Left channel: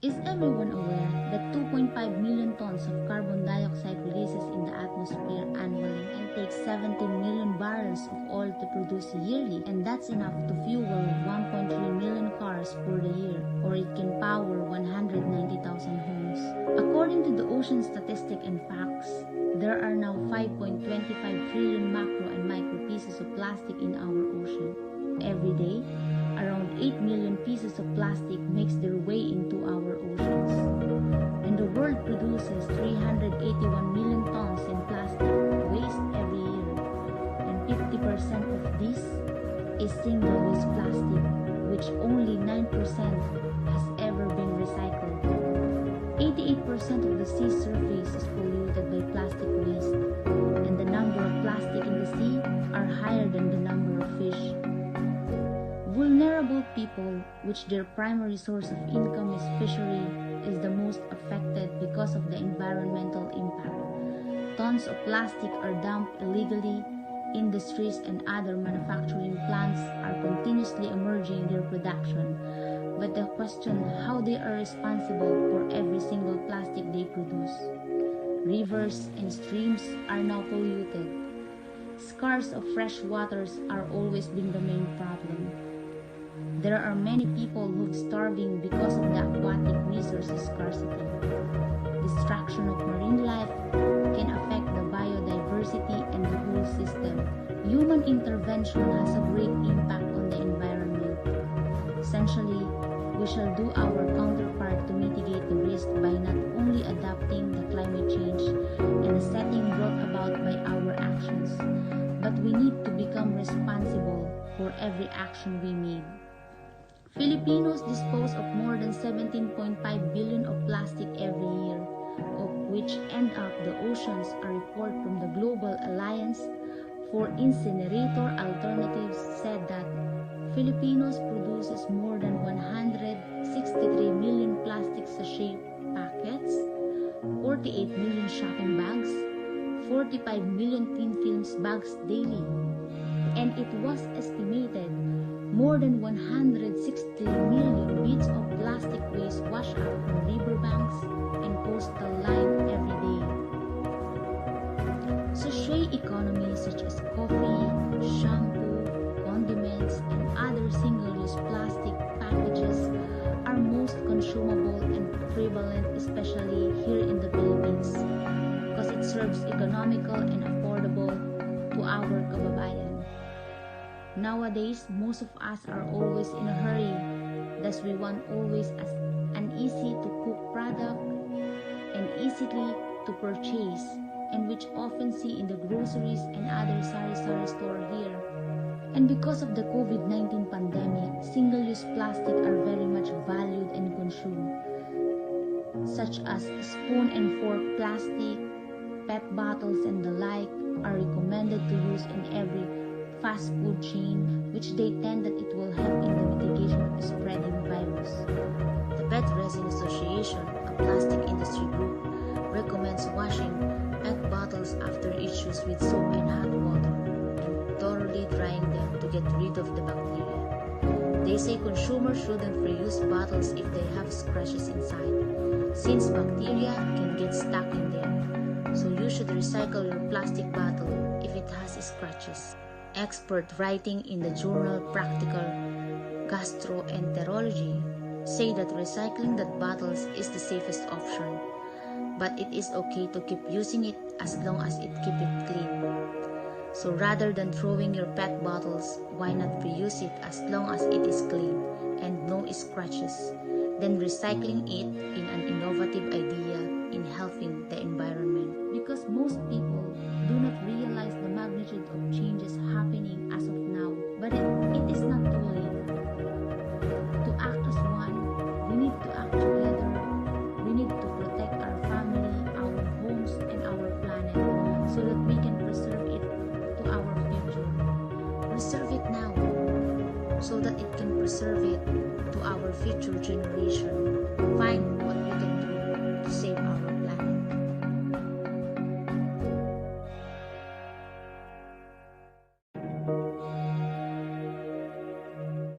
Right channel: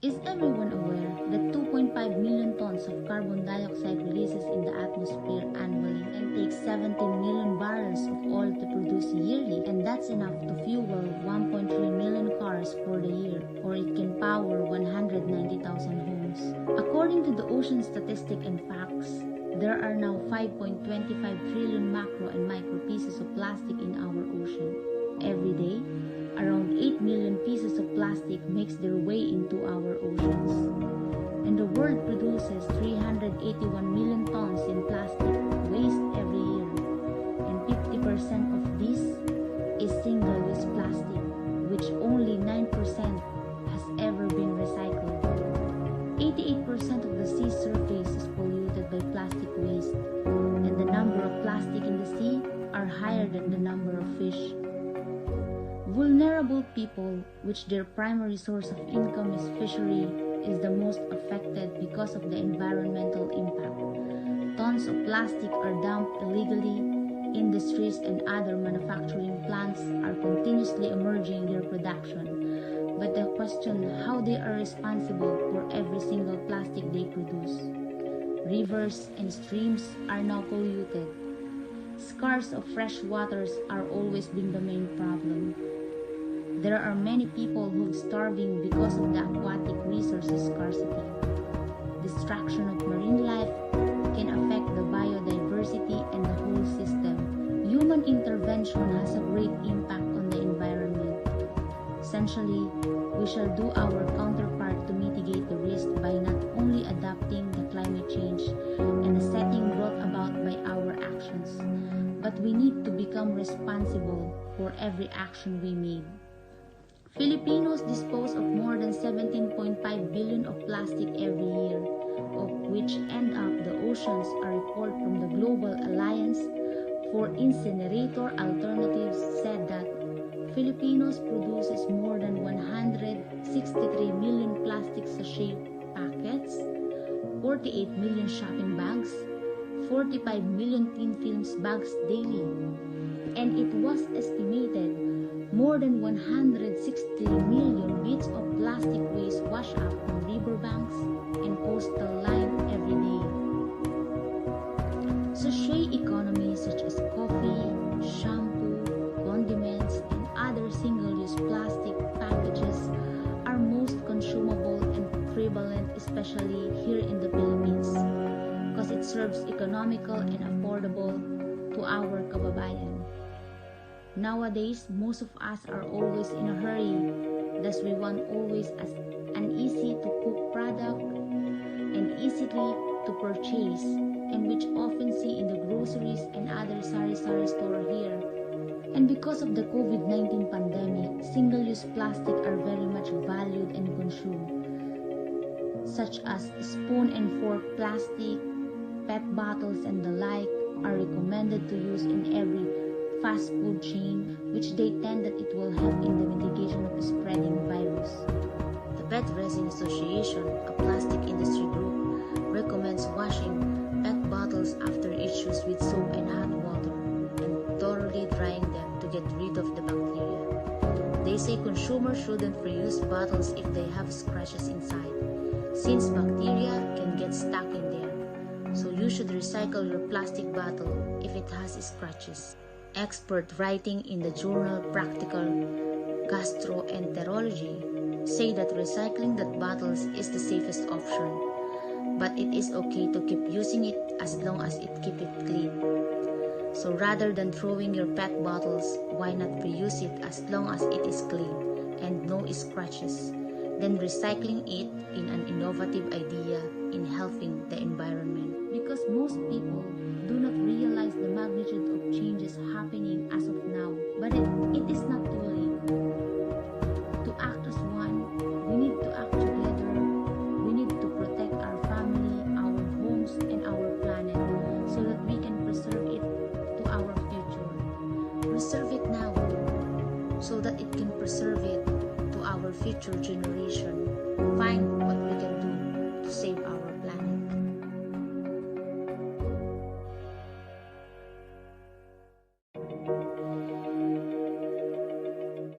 Is everyone aware that 2.5 million tons of carbon dioxide releases in the atmosphere annually and takes 17 million barrels of oil to produce yearly, and that's enough to fuel 1.3 million cars for the year, or it can power 190,000 homes. According to the Ocean Statistics and Facts, there are now 5.25 trillion macro and micro pieces of plastic in our ocean. Every day, around 8 million pieces of plastic makes their way into our oceans. And the world produces 381 million tons in plastic waste every year. And 50% of this is single-use plastic, which only 9% has ever been recycled. 88% of the sea surface is polluted by plastic waste, and the number of plastic in the sea are higher than the number of fish. Vulnerable people, which their primary source of income is fishery, is the most affected because of the environmental impact. Tons of plastic are dumped illegally. Industries and other manufacturing plants are continuously emerging their production. But the question how they are responsible for every single plastic they produce. Rivers and streams are now polluted. Scars of fresh waters are always been the main problem. There are many people who are starving because of the aquatic resources scarcity. Destruction of marine life can affect the biodiversity and the whole system. Human intervention has a great impact on the environment. Essentially, we shall do our counterpart to mitigate the risk by not only adapting the climate change and the setting brought about by our actions, but we need to become responsible for every action we made. Filipinos dispose of more than 17.5 billion of plastic every year, of which end up the oceans. A report from the Global Alliance for Incinerator Alternatives said that Filipinos produces more than 163 million plastic sachet packets, 48 million shopping bags, 45 million thin films bags daily, and it was estimated more than 160 million bits of plastic waste wash up on riverbanks and coastal line every day. Sachet economies such as coffee, shampoo, condiments, and other single-use plastic packages are most consumable and prevalent, especially here in the Philippines, because it serves economical and affordable to our kababayan. Nowadays, most of us are always in a hurry, thus we want always an easy-to-cook product and easily to purchase, and which often see in the groceries and other sari-sari store here. And because of the COVID-19 pandemic, single-use plastic are very much valued and consumed, such as spoon and fork plastic, PET bottles and the like are recommended to use in every fast food chain, which they tend that it will help in the mitigation of the spreading virus. The PET Resin Association, a plastic industry group, recommends washing PET bottles after each use with soap and hot water and thoroughly drying them to get rid of the bacteria. They say consumers shouldn't reuse bottles if they have scratches inside, since bacteria can get stuck in there. So you should recycle your plastic bottle if it has scratches. Expert writing in the journal Practical Gastroenterology say that recycling that bottles is the safest option, but it is okay to keep using it as long as it keep it clean. So rather than throwing your PET bottles, why not reuse it as long as it is clean and no scratches, then recycling it in an innovative idea in helping the environment. Because most people do not realize the magnitude of changes happening as of now, but it is not too late. To act as one, we need to act together. We need to protect our family, our homes, and our planet so that we can preserve it to our future. Preserve it now so that it can preserve it to our future generation. Find what we can do to save our